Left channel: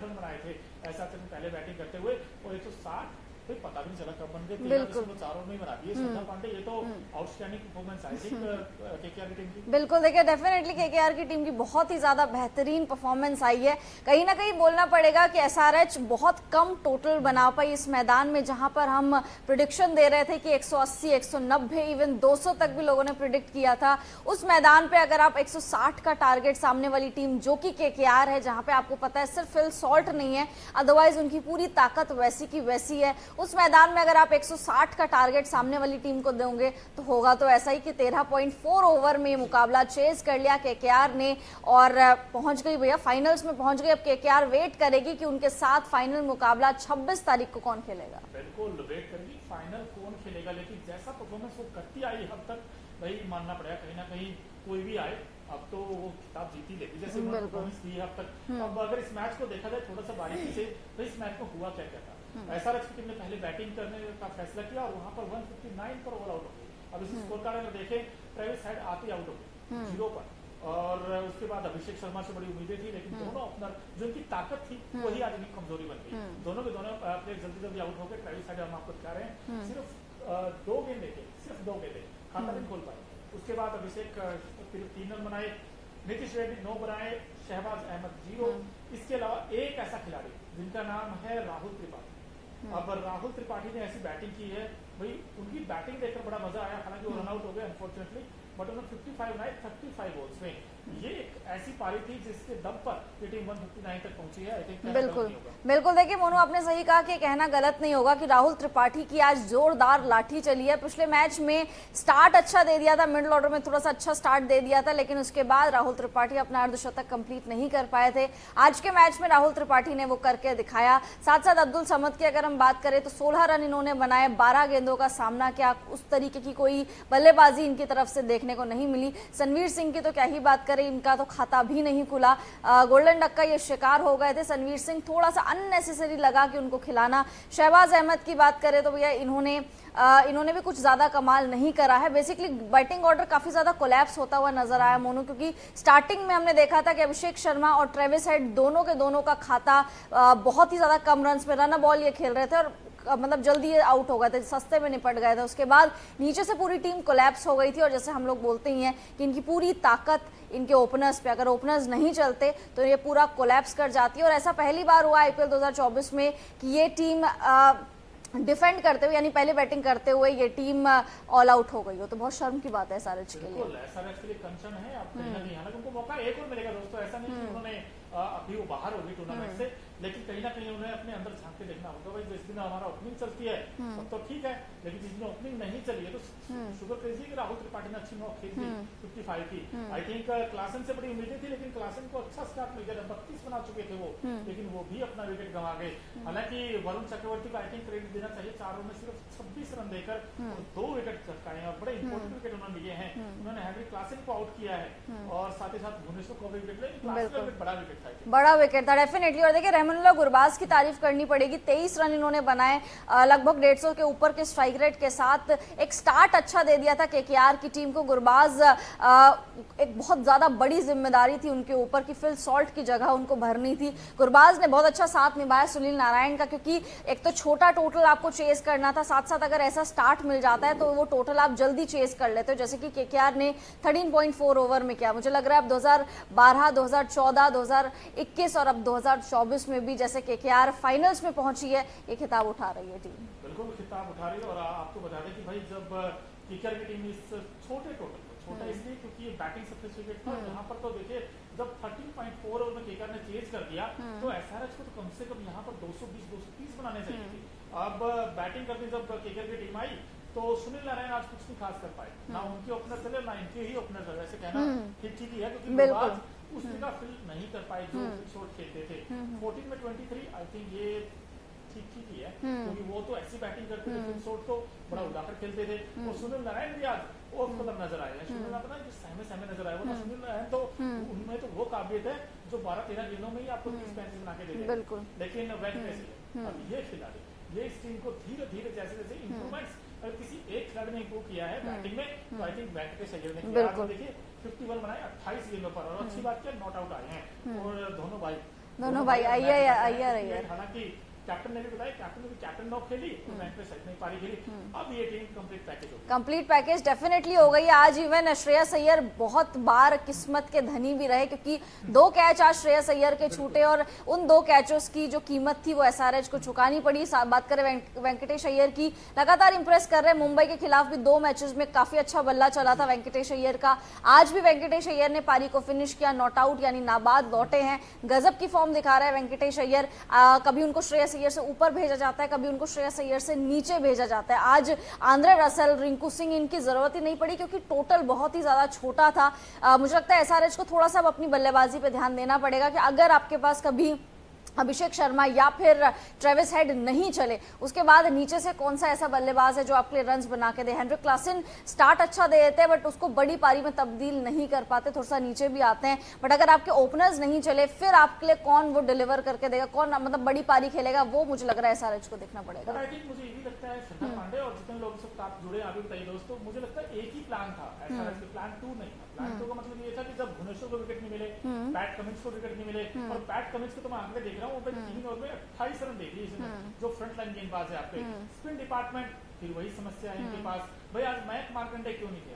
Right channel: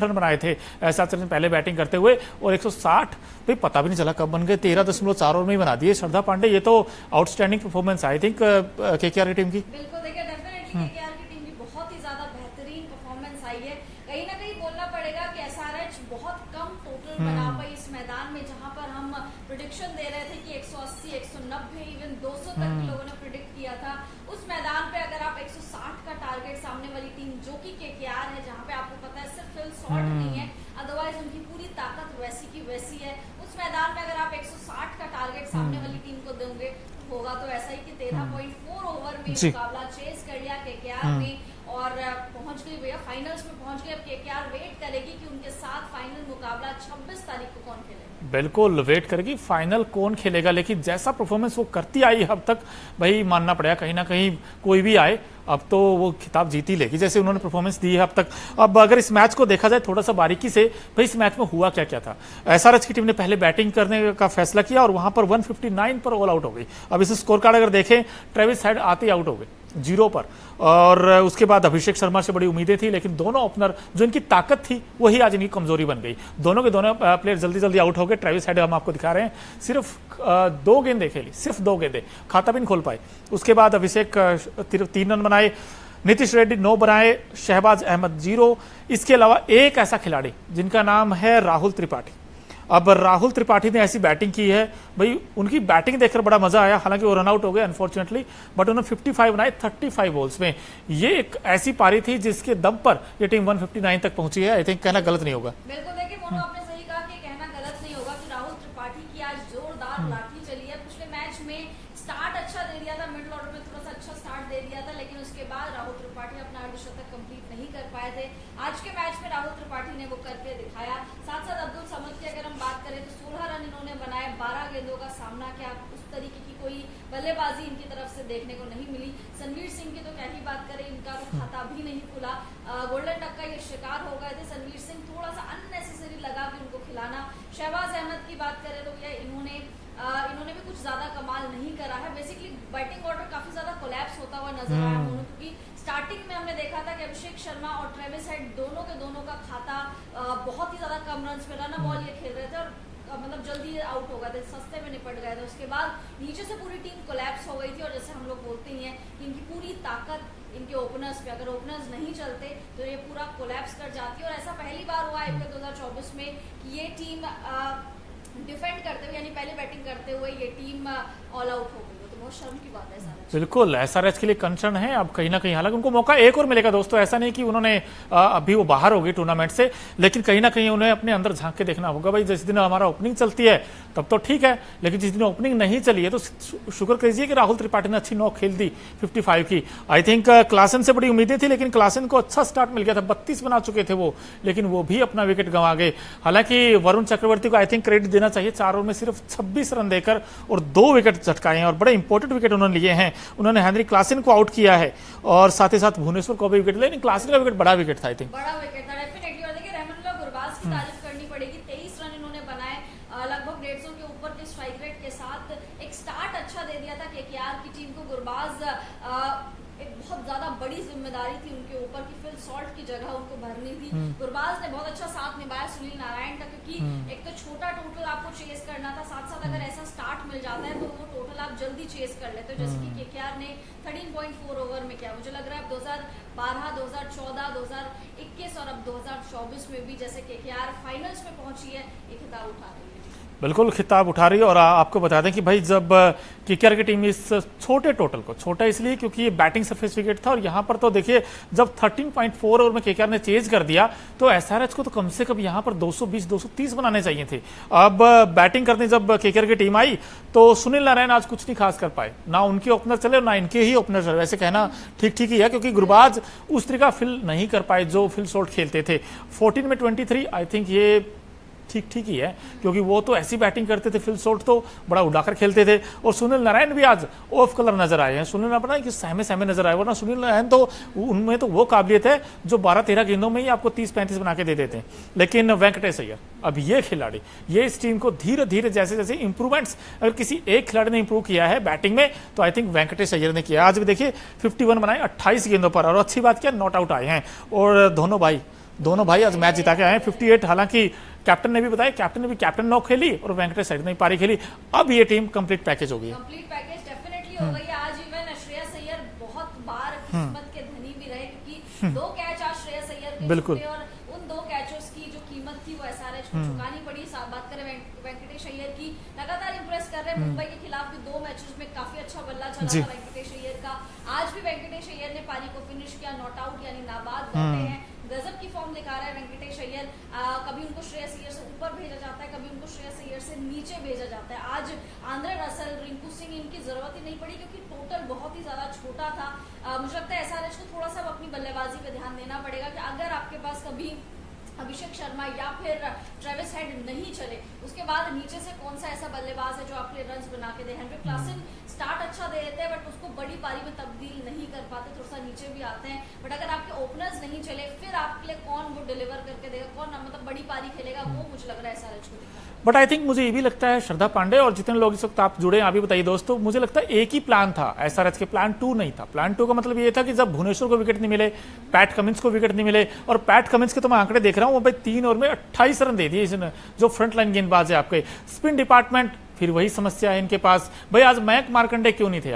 Run बनाए थे एहसास ने पहले बैटिंग करते हुए और 160 भाई पता भी नहीं चला कब बन गए, 13.4 ओवर में ही बना दिए श्रद्धा पांडे। ये तो outstanding performance I think KKR की टीम की। बिल्कुल, देखिए डेफिनेटली केकेआर की टीम की बहुत ही ज्यादा बेहतरीन परफॉर्मेंस आई है। कहीं ना कहीं बोलना पड़ेगा कि एसआरएच बहुत कम टोटल बना पाई इस मैदान में, जहां पर हम प्रिडिक्शन दे रहे थे कि 180, 190, इवन 200 तक भी लोगों ने प्रिडिक्ट किया था। उस मैदान पे अगर आप 160 का टारगेट सामने वाली टीम जो कि केकेआर है, जहां पे आपको पता है सिर्फ फिल सॉल्ट नहीं है, अदरवाइज उनकी पूरी ताकत वैसी की वैसी है, उस मैदान में अगर आप 160 का टारगेट सामने वाली टीम को दोगे तो होगा तो ऐसा ही कि 13.4 ओवर में मुकाबला चेज कर लिया केकेआर ने और पहुंच गई भैया फाइनल्स में पहुंच गई। अब केकेआर वेट करेगी कि उनके साथ फाइनल मुकाबला 26 तारीख को कौन खेलेगा। बिल्कुल वेट करेगी फाइनल कौन खेलेगा, लेकिन जैसा परफॉर्मेंस वो करती आई अब तक भाई मानना पड़ेगा कहीं ना कहीं कोई भी आए अब तो वो खिताब जीत ही लेगी जैसे उन्होंने परफॉर्मेंस दी है अब तक। अब अगर इस मैच को देखा जाए थोड़ा सा बारीकी से, भाई इस मैच में हुआ क्या क्या था। एसआरएच की टीम ने पहले बैटिंग करने का फैसला किया और वहां पर 159 पर ऑल आउट हो गई। अब इस स्कोर कार्ड अगर देखें, ट्रेविस हेड आते ही आउट हो गए 0 पर, और उसके बाद अभिषेक शर्मा से बड़ी उम्मीदें थी, लेकिन दोनों ओपनर जो इनकी ताकत थी वही आज इनकी कमजोरी बन गई। दोनों के दोनों प्लेयर जल्दी जल्दी आउट हो गए। ट्रेविस हेड हम आपको दिखा रहे हैं, सिर्फ 2 गेंदें खेली, सिर्फ 2 गेंदें, खाता भी नहीं खोल पाए। उसके बाद अभिषेक 3 रन बनाए, नीतीश रेड्डी 9 बनाए, शहबाज अहमद 0। इसके अलावा एक ऐसा खिलाड़ी जिनका नाम है राहुल त्रिपाठी। अब राहुल त्रिपाठी ने ऐसी बैटिंग की है भाई, उनकी बैटिंग देखकर बड़ा मजा आया। हालांकि वो रन आउट हो गए अनफॉर्चुनेटली, बट उन्होंने 55 बनाए 35 बॉल्स में। ये एक ऐसी पारी थी जिसके दम पर ये टीम 159 तक पहुंची है। आई थिंक कहना गलत नहीं होगा। बिल्कुल, देखिए मोनू आपने सही कहा कि कहना गलत नहीं होगा कि राहुल त्रिपाठी की आज जोरदार लाठी चली है। पिछले मैच में स्टार्ट अच्छा दे दिया था, मिडिल ऑर्डर में थोड़ा सा अच्छा स्टार्ट दे दिया था, लेकिन उसके बाद राहुल त्रिपाठी अपना अर्धशतक कंप्लीट नहीं कर पाए थे। आज के मैच में राहुल त्रिपाठी ने वो करके दिखाया। साथ साथ अब्दुल समद की अगर हम बात करें तो 16 रन इन्होंने बनाए, 12 गेंदों का सामना किया। उस तरीके की कोई बल्लेबाजी इनकी तरफ से देखने को नहीं मिली। सनवीर सिंह की तो क्या ही बात करें, इनका तो खाता भी नहीं खुला। गोल्डन डक का ये शिकार हो गए थे सनवीर सिंह, थोड़ा सा अननेसेसरी लगा कि उनको खिलाना। शहबाज अहमद की बात करें तो भैया इन्होंने भी कुछ ज्यादा कमाल नहीं करा है। बेसिकली बैटिंग ऑर्डर काफी ज्यादा कोलैप्स होता हुआ नजर आया मोनू, क्योंकि स्टार्टिंग में हमने देखा था कि अभिषेक शर्मा और ट्रेविस हेड दोनों के दोनों का खाता बहुत ही ज्यादा कम रन पे रन बॉल ये खेल रहे थे और मतलब जल्दी आउट हो गए थे, सस्ते में निपट गए थे। उसके बाद नीचे से पूरी टीम कोलैप्स हो गई थी और जैसे हम लोग बोलते ही हैं कि इनकी पूरी ताकत इनके ओपनर्स पे, अगर ओपनर्स नहीं चलते तो ये पूरा कोलैप्स कर जाती है। और ऐसा पहली बार हुआ आईपीएल 2024 में कि ये टीम डिफेंड करते हुए यानी पहले बैटिंग करते हुए ये टीम ऑल आउट हो गई हो, तो बहुत शर्म की बात है एसआरएच। बिल्कुल एसआरएच के लिए कंसर्न है अब कहीं ना कहीं। हालांकि उनको मौका एक और मिलेगा दोस्तों, ऐसा नहीं कि उन्होंने अभी वो बाहर हो गई टूर्नामेंट से, लेकिन कहीं ना कहीं उन्हें अपने अंदर झांक के देखना होगा। भाई जिस दिन हमारा ओपनिंग चलती है तब तो ठीक है, लेकिन जिस दिन ओपनिंग नहीं चली है तो शुक्र कीजिए कि राहुल त्रिपाठी ने अच्छी नॉक खेल दी 55 की। आई थिंक क्लासन से बड़ी उम्मीदें थी, लेकिन क्लासन को अच्छा स्टार्ट मिल गया था, 32 बना चुके थे वो, लेकिन वो भी अपना विकेट गंवा गए। हालांकि वरुण चक्रवर्ती को आई थिंक क्रेडिट देना चाहिए, 4 ओवर में सिर्फ 26 रन देकर और 2 विकेट झटकाए हैं और बड़े इंपॉर्टेंट विकेट उन्होंने लिए हैं। उन्होंने हेनरी क्लासन को आउट किया है और साथ ही साथ भुवनेश्वर को भी विकेट लिया, लेकिन क्लासन का विकेट बड़ा विकेट था। आई थिंक बड़ा विकेट था डेफिनेटली। और देखिए रहमानुल्लाह गुरबाज की तारीफ करनी पड़ेगी, 23 रन इन्होंने बनाए, लगभग 150 के ऊपर के स्ट्राइक रेट के साथ। एक स्टार्ट अच्छा दे दिया था केकेआर की टीम को। गुरबाज एक बहुत ज्यादा बड़ी जिम्मेदारी थी उनके ऊपर कि फिल सॉल्ट की जगह उनको भरनी थी। गुरबाज ने बहुत अच्छा साथ निभाया सुनील नारायण का, क्योंकि एक तो छोटा टोटल आपको चेस करना था, साथ साथ अगर ऐसा स्टार्ट मिल जाता है तो वो टोटल आप जल्दी चेस कर लेते हो, जैसे कि केकेआर ने 13.4 ओवर में किया। मुझे लग रहा है अब 2012, 2014, 2021 और अब 2024 में भी जैसे केकेआर फाइनल्स में पहुंची है, ये खिताब उठा रही है टीम। बिल्कुल खिताब उठा रही है। और आपको बता दें कि भाई जब केकेआर की टीम इस छोटे टोटल को, छोटा इसलिए क्योंकि ये बैटिंग सरफेस विकेट था, और यहाँ पर तो देखिए जब 13.4 ओवर में केकेआर ने चेज कर दिया तो एसआरएच को तो कम से कम यहाँ पर 220, 230 बनाने चाहिए थे। अब बैटिंग करने जब केकेआर की टीम आई तो सुनील नारायण आज कुछ नहीं खास कर पाए, ना उनके ओपनर चले और ना इनके ही ओपनर चले। वैसे कहना ठीक ठीक ही है, क्योंकि गुरबाज उस तरीका फिल नहीं कर पाए जो फिल शॉट खेलते थे। 14 में 23, आई थिंक ये ठीक ठीक ही है, क्योंकि वो तो ऐसी बैटिंग करते थे, फिल शॉट तो बड़ा उड़ाकर खेलते थे। और सुनील नारायण भी आज ऑफ कलर नजर आए हैं। सुनील नारायण कि सहमे सहमे नजर आए, वरना सुनील नारायण तो उनमें तो वो काबिलियत है जो 12-13 गेंदों में ही आपको 30-35 बना के दे देते हैं। लेकिन वेंकटेश अय्यर, अब ये खिलाड़ी, ये इस टीम को धीरे धीरे जैसे जैसे इंप्रूवमेंट्स अगर किसी एक खिलाड़ी ने इंप्रूव किया है बैटिंग में तो आई थिंक वेंकटेश अय्यर ने किया। आज भी देखिए 51 बनाए 28 गेंदों पर, और अच्छी बात क्या नॉट आउट आए हैं। और दोनों भाई दोनों भाई आज मैच जिता के आए हैं आगे 58। हालांकि कैप्टन ने भी बताया, कैप्टन नॉक खेली और वेंकटेश अय्यर ने पारी खेली। अब ये टीम कंप्लीट पैकेज हो गई। कंप्लीट पैकेज डेफिनेटली हो गई है। आज इवन श्रेयस अय्यर बहुत बार किस्मत के धनी भी रहे, क्योंकि 2 कैच आज श्रेयस अय्यर के छूटे और उन 2 कैचों की जो कीमत थी वो एसआरएच को चुकानी पड़ी। बात करें वेंकटेश अय्यर की, लगातार इंप्रेस कर रहे हैं। मुंबई के खिलाफ भी 2 मैचेस में काफी अच्छा बल्ला चला था वेंकटेश अय्यर का। आज भी वेंकटेश अय्यर ने पारी को फिनिश किया, नॉट आउट यानी नाबाद लौटे हैं। गजब की फॉर्म दिखा रहा है वेंकटेश अय्यर। कभी उनको श्रेयस अय्यर से ऊपर भेजा जाता है, कभी उनको श्रेयस अय्यर से नीचे भेजा जाता है। आज आंद्रे रसल, रिंकू सिंह, इनकी जरूरत ही नहीं पड़ी क्योंकि टोटल बहुत ही ज्यादा छोटा था। मुझे लगता है एसआरएच को थोड़ा सा अब अपनी बल्लेबाजी पे ध्यान देना पड़ेगा कि अगर आपके पास कभी अभिषेक शर्मा या फिर ट्रेविस हेड नहीं चले, उसके बाद नीचे से कौन सा ऐसा बल्लेबाज है जो आपके लिए रन्स बना के दे। हेनरिक क्लासन स्टार्ट अच्छा दे देते हैं बट उसको बड़ी पारी में तब्दील नहीं कर पाते, थोड़ा सा नीचे भी आते हैं। बट अगर आपके ओपनर्स नहीं चले फिर आपके लिए कौन वो डिलीवर करके देगा, कौन मतलब बड़ी पारी खेलेगा, वो मुझे लग रहा है एसआरएच को देखना पड़ेगा। बट आई थिंक मुझे ये भी लगता है श्रद्धा पांडे और जितने लोग इस वक्त आप जुड़े हैं, आप भी बताइए दोस्तों, मुझे लगता है एक ही प्लान था एसआरएच के, प्लान 2 नहीं था। प्लान 2 का मतलब ये था कि जब भुवनेश्वर को विकेट नहीं मिले, पैट कमिंस को विकेट नहीं मिले, और पैट कमिंस के तो मैं आंकड़े देख रहा हूँ, वो भाई 3 ओवर में 28 रन दे दिए इसने, जो फ्रंट लाइन गेंदबाज है आपके। स्पिन डिपार्टमेंट फिर वही समस्या है इनके पास। भाई आज मयंक मार्कंडे क्यों नहीं थे?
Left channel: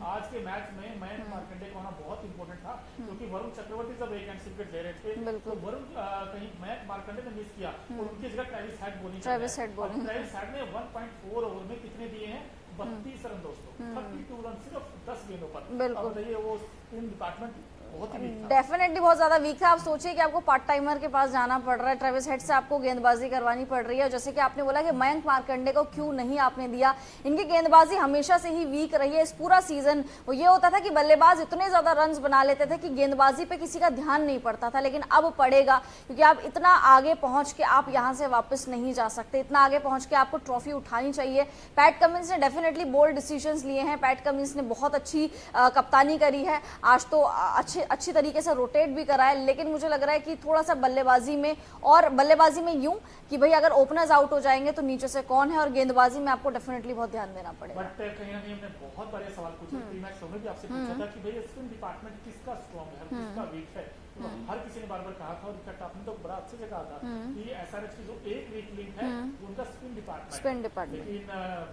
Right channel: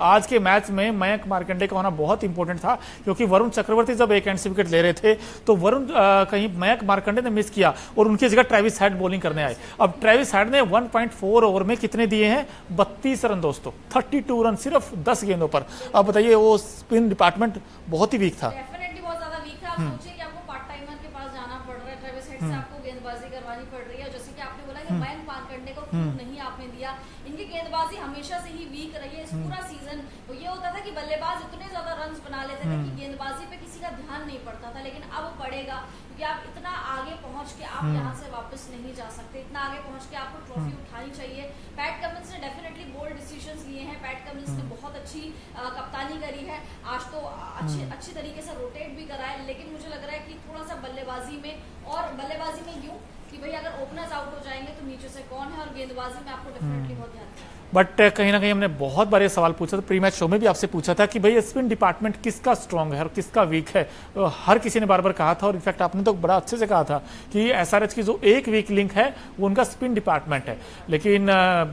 आज के मैच में मयंक मार्कंडे का होना बहुत इंपॉर्टेंट था, क्योंकि वरुण चक्रवर्ती जब एक एंड से विकेट ले रहे थे तो वरुण कहीं मयंक मार्कंडे ने मिस किया और उनकी जगह ट्रेविस हेड बॉलिंग करने आए। अब ट्रेविस हेड ने 1.4 ओवर में कितने दिए हैं? 32 रन दोस्तों, 32 रन सिर्फ 10 गेंदों पर। अब बताइए, वो स्पिन डिपार्टमेंट बहुत ही वीक था, डेफिनेटली बहुत ज्यादा वीक था। आप सोचिए कि आपको पार्ट टाइमर के पास जाना पड़ रहा है, ट्रेविस हेड से आपको गेंदबाजी करवानी पड़ रही है। जैसे कि आपने बोला कि मयंक मार्कंडे को क्यों नहीं आपने दिया, इनकी गेंदबाजी हमेशा से ही वीक रही है इस पूरा सीजन। ये होता था कि बल्लेबाज इतने ज्यादा रन्स बना लेते थे कि गेंदबाजी पे किसी का ध्यान नहीं पड़ता था, लेकिन अब पड़ेगा, क्योंकि आप इतना आगे पहुंच के आप यहाँ से वापस नहीं जा सकते। इतना आगे पहुंच के आपको ट्रॉफी उठानी चाहिए। पैट कमिंस ने डेफिनेटली बोल्ड डिसीजंस लिए हैं, पैट कमिंस ने बहुत अच्छी कप्तानी करी है। आज तो अच्छी तरीके से रोटेट भी करा है, लेकिन मुझे लग रहा है कि थोड़ा सा बल्लेबाजी में, और बल्लेबाजी में यूं कि भाई अगर ओपनर्स आउट हो जाएंगे तो नीचे से कौन है, और गेंदबाजी में आपको डेफिनेटली बहुत ध्यान देना पड़ेगा। बट कहीं ना कहीं हमने बहुत बार ये सवाल पूछा था, प्री मैच शो में भी आपसे पूछा था कि भाई स्पिन डिपार्टमेंट किसका स्ट्रांग है और किसका वीक है। तो हर किसी ने बार बार कहा था, और इनफैक्ट आपने तो बड़ा अच्छे से कहा था कि एसआरएच की जो एक वीक लिंक है वो उनका स्पिन डिपार्टमेंट है। लेकिन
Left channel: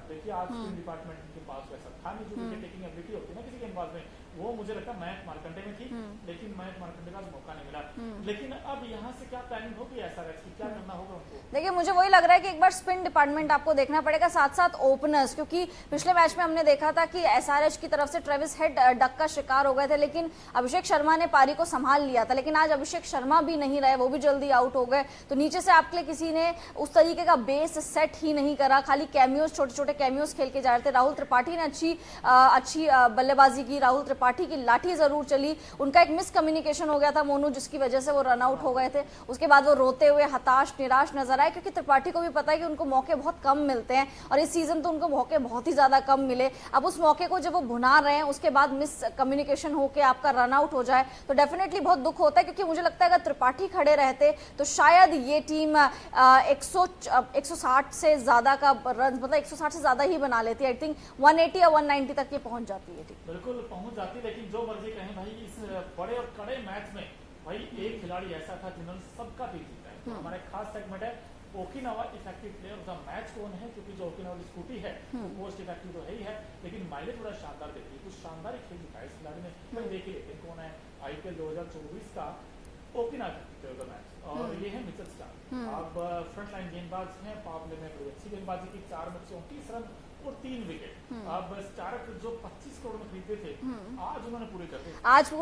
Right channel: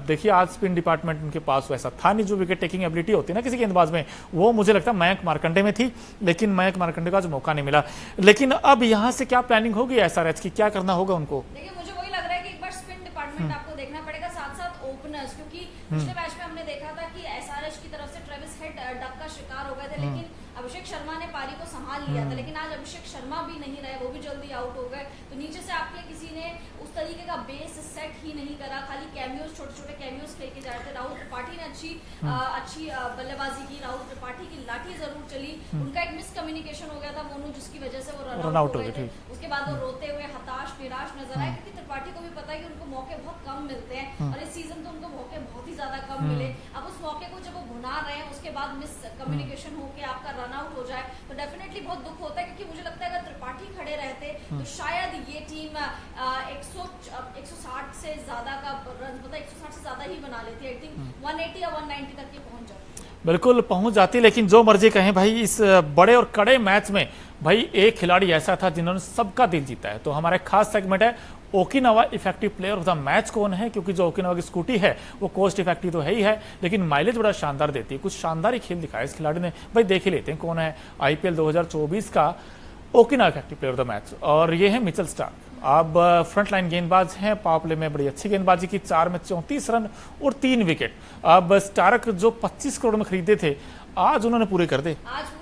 देखिए आज स्पिन डिपार्टमेंट उनके पास वैसा था नहीं। जो विकेट टेकिंग एबिलिटी होती है ना किसी गेंदबाज में, वो मुझे लगता है मयंक मार्कंडे में थी, लेकिन मयंक मार्कंडे का आज मौका नहीं मिला। लेकिन अब यहाँ से क्या प्लानिंग होगी एसआरएच की, क्या करना होगा उनको? देखिए मुझे वही लग रहा है कि एक बार स्पिन डिपार्टमेंट आपको देखना पड़ेगा, साथ साथ ओपनर्स, क्योंकि पिछले मैच में हमने देखा था कि एसआरएच की तरफ से ट्रेविस हेड डक का शिकार हो गए थे, लेकिन अभिषेक शर्मा ने पारी को संभाल लिया था। लेकिन आज अभिषेक शर्मा भी नहीं रहे, वो भी जल्दी आउट हो गए। तो नीचे से आपके लिए किसी ने उस तरीके का बेस सेट ही नहीं करा, खाली कैमियोस, छोटे छोटे कैमियोस खेल के जा रहे थे। राहुल त्रिपाठी ने अच्छी बल्लेबाजी की, राहुल त्रिपाठी की लाठी जरूर चली। उनका एक मिसकम्युनिकेशन हो गया था मोनू, जिसकी वजह से वो रन आउट हो गए थे। उसके बाद वो रोते हुए हताश निराश नजर आए, क्योंकि त्रिपाठी को भी पता है कि उनको मौके बहुत कम मिलते हैं, और इस सीजन तो उनको मौके बहुत ही ज्यादा कम मिले। अब उस मौके को जब वो भुना रहे हैं, उसके बाद मिस कम्युनिकेशन होके आपका रन आउट हो जाए तो डेफिनेटली बहुत दुख होता है। क्योंकि मुझे लगता है अगर त्रिपाठी खड़े रहते तो शायद ये टीम 160 से ज्यादा का रन, मतलब 160 से ज्यादा ही बना लेती है। आई थिंक 180 या 190 तक ये पहुंच जाती है। बिल्कुल पहुंच जाती, लेकिन जो मर्जी कहें भाई, इस बड़े और कड़े मैच में भाई एक खिलाड़ी ऐसा था जिन्होंने सबका दिल जीता है। तो हमारा एक खास सेगमेंट है Okinawa effective player of the match कौन है, क्योंकि जो ओकिनावा की स्कूटी है वो कोस्ट इफेक्टिव तो है ही है, लेकिन माइलेज बड़ा शानदार देती है। कुछ शानदार ही खेल दिखाया इस खिलाड़ी ने। भाई देख ही लेते हैं कौन है आईपीएल 2024 का Okinawa effective player of the match, और ये है मिचेल स्टार्क। अब फ्रंट लाइन गेंदबाज हैं, पावर प्ले में बड़ी अच्छी गेंदबाजी की, 4 में 34 रन और 3 विकेट। अब स्टार्क जो 25 करोड़ में खरीदे थे, आज उन्होंने पूरे कर दे। आज